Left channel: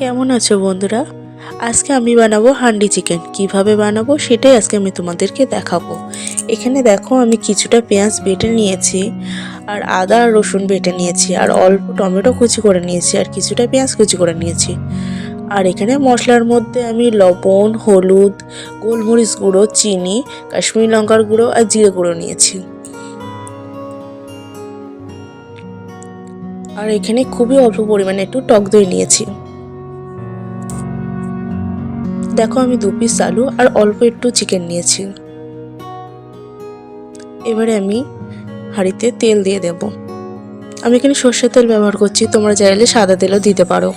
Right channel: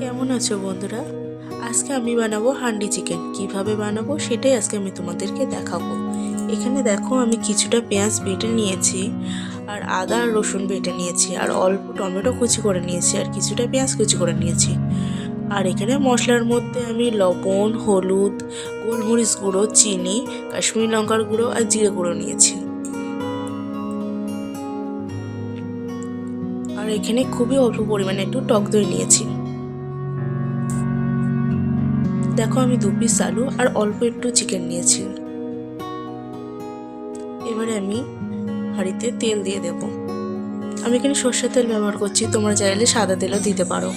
কেমন আছো বন্ধুরা? আজকে আমি বানাবো হান্ডি চিকেন। কীভাবে বানাবো সেটাই আজকে আমি তোমাদেরকে দেখাবো। এখানে দেখো আমি কিছুটা পেঁয়াজ বেটে নিয়েছি আর আদা আর রসুন বেটে নিয়েছি আর অল্প টমেটো কুচি করে নিয়েছি আর কিছুটা পেঁয়াজ কুচি করে নিয়েছি। আর এখানে মশলার মধ্যে আমি লবণ, হলুদ, গোলমরিচ গুঁড়ো, চিনি, কাশ্মীরি লঙ্কার গুঁড়ো আর জিরে গুঁড়ো নিয়েছি। আর এখানে খুবই অল্প পরিমাণে একটু টক দই নিয়েছি। দেখো আমি দু পিস আলু আর অল্প একটু চিকেন নিয়েছি। এবারে আমি হাঁড়িতে তেল দিয়ে দেব। আমি এখানে সর্ষের তেল ব্যবহার করছি, তোমরা চাইলে সাদা তেলও দিতে পারো।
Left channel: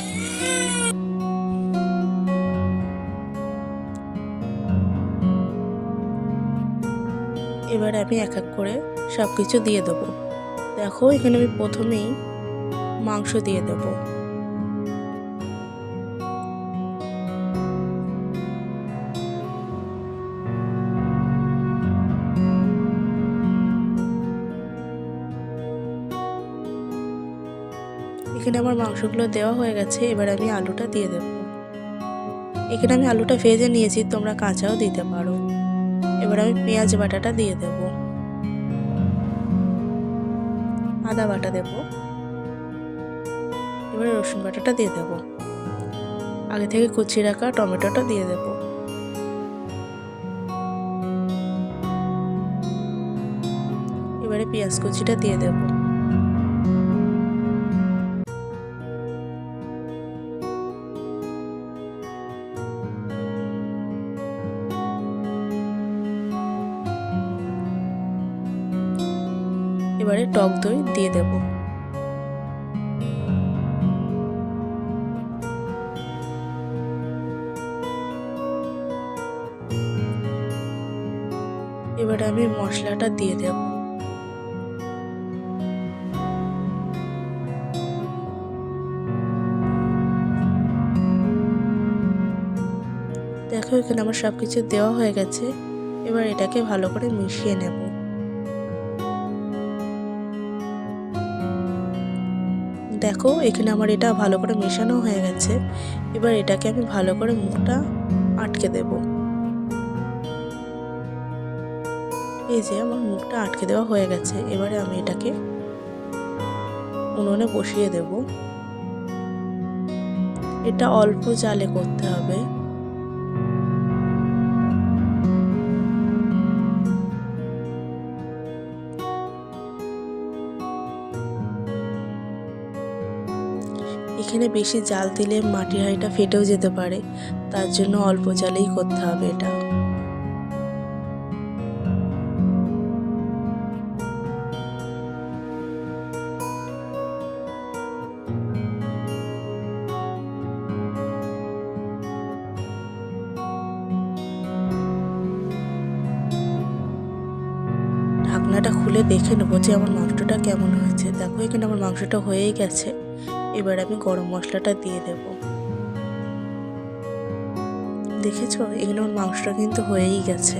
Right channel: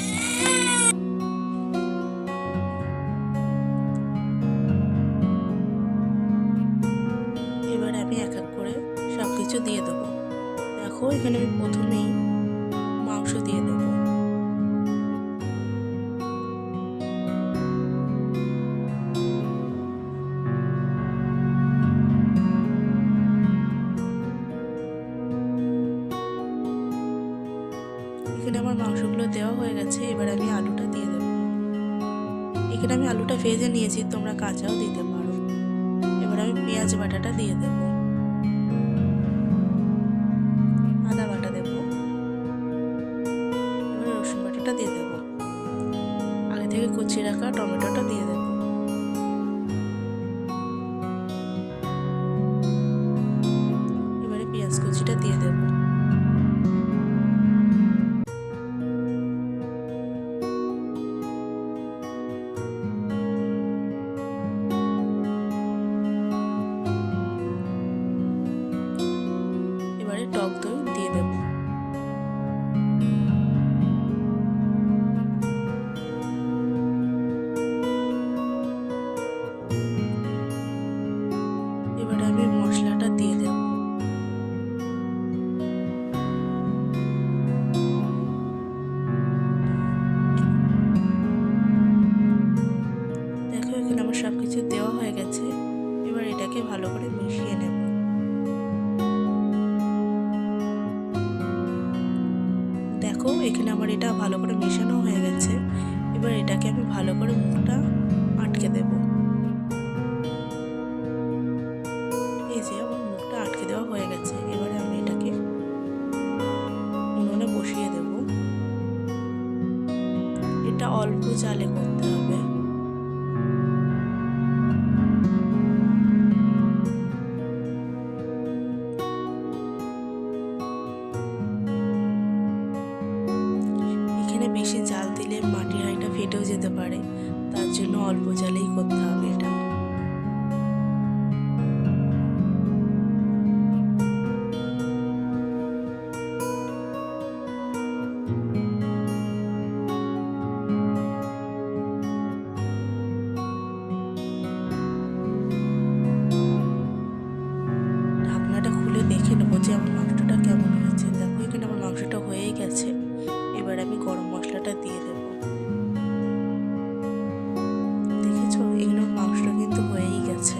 এবারে আমি এক এক করে সব কিছু দিয়ে দেবো। দেখো এখানে আমি প্রথমেই মাংস দিয়ে দেবো। এখানে আমার মাংসগুলো দেওয়া হয়ে গেছে, এবার আমি আলুটা দিয়ে দেবো। এখানে আমি আলুটা ভেজে নিয়েছি, তোমরা কাঁচাও দিতে পারো। এবার আমি পেঁয়াজ বাটাটা দিয়ে দেব। আদা বাটা দেব। এবারে রসুন বাটাটা দিয়ে দেব। আগে থেকে কুচি রাখা টমেটোটা দিয়ে দেব। এবারে পেঁয়াজ কুচিটা দিয়ে দেবো। এবারে টক দই দিয়ে দেব। এবারে আমি মশলাটা দিয়ে দেব। দেখো এখানে আমার সব কিছু দেওয়া হয়ে গেছে। এবার এটাকে ভালো করে মিশিয়ে নেব। দেখো, এখানে আমার এটা ভালো করে মেশানো হয়ে গেছে। এবার এটাকে আমি ভালো করে মুখটা আটকে দেব। এই যে আমার মুখটা আটকে দেওয়া হয়ে গেছে, এবারে আমি এটাকে উনুনে বসিয়ে দেব। এটা অল্প জালে করতে হবে। এখানে বেশি জাল দিলে মাটির হাঁড়িটা ফেটেও যেতে পারে। তার জন্য অল্প জালেই করতে হবে এটা। ঢাকনাটা খুলে দেখে নেব যে আমার মাংসটা কেমন হয়েছে। দেখো এখানে আমার মাংসটা হয়েই গেছে। এবার আমি গরম মশলাটা দিয়ে দেব। দেখেছ? আমার মাংসটা কিন্তু হয়েই গেছে।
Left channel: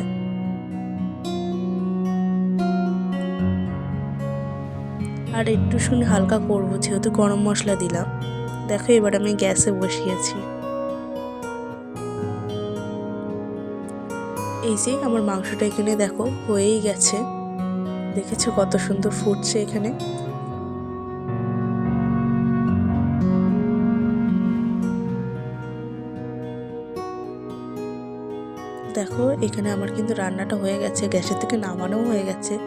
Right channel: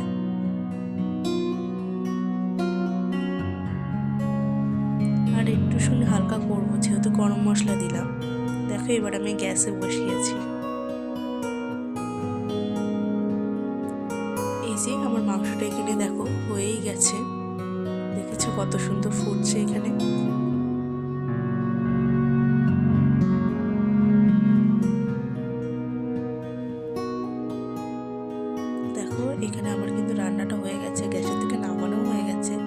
আর একটু শুনে হালকা করব, যেহেতু গরম মশলা দিলাম। দেখো, এবার আমি গ্যাসে বসিয়েছি। এই যে আমার মাংসটা এখানে দেখো, হয়েই গেছে। দেখেছ কত সুন্দর ফুটছে এখানে? দেখো, এখানে আমার কিন্তু রান্নাটা হয়ে গেছে, গ্যাসের থেকে নামানো হয়ে গেছে।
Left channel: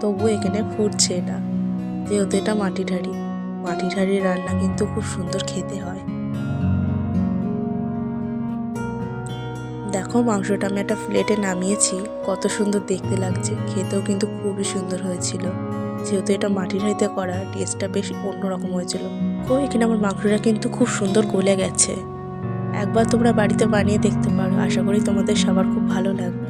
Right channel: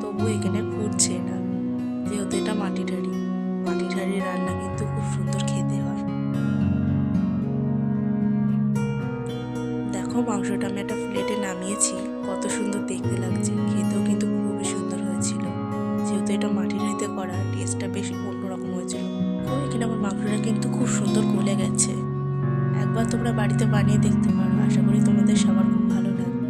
তবুও এখানে ফুটছে না। যেহেতু এটা মাটি হাঁড়ি মাটি হাঁড়ির রান্না কিন্তু খুব সুন্দর খেতে হয়। দেখো, মাংসটা আমি একটা প্লেটে নামিয়েছি, কত সুন্দর দেখতে লাগছে। খেতেও কিন্তু খুবই সুন্দর হয়েছিল। যেহেতু এটা মাটির হাঁড়িতে করা, টেস্টটা বেশ অন্যরকম হয়েছিল। তো এখানে আমার মাংসটা কিন্তু খুব সুন্দর গলে গেছে। একবার তোমরা বাড়িতে বানিয়ে দেখতে পারো। আশা করি তোমাদের সবার খুব ভালো লাগবে।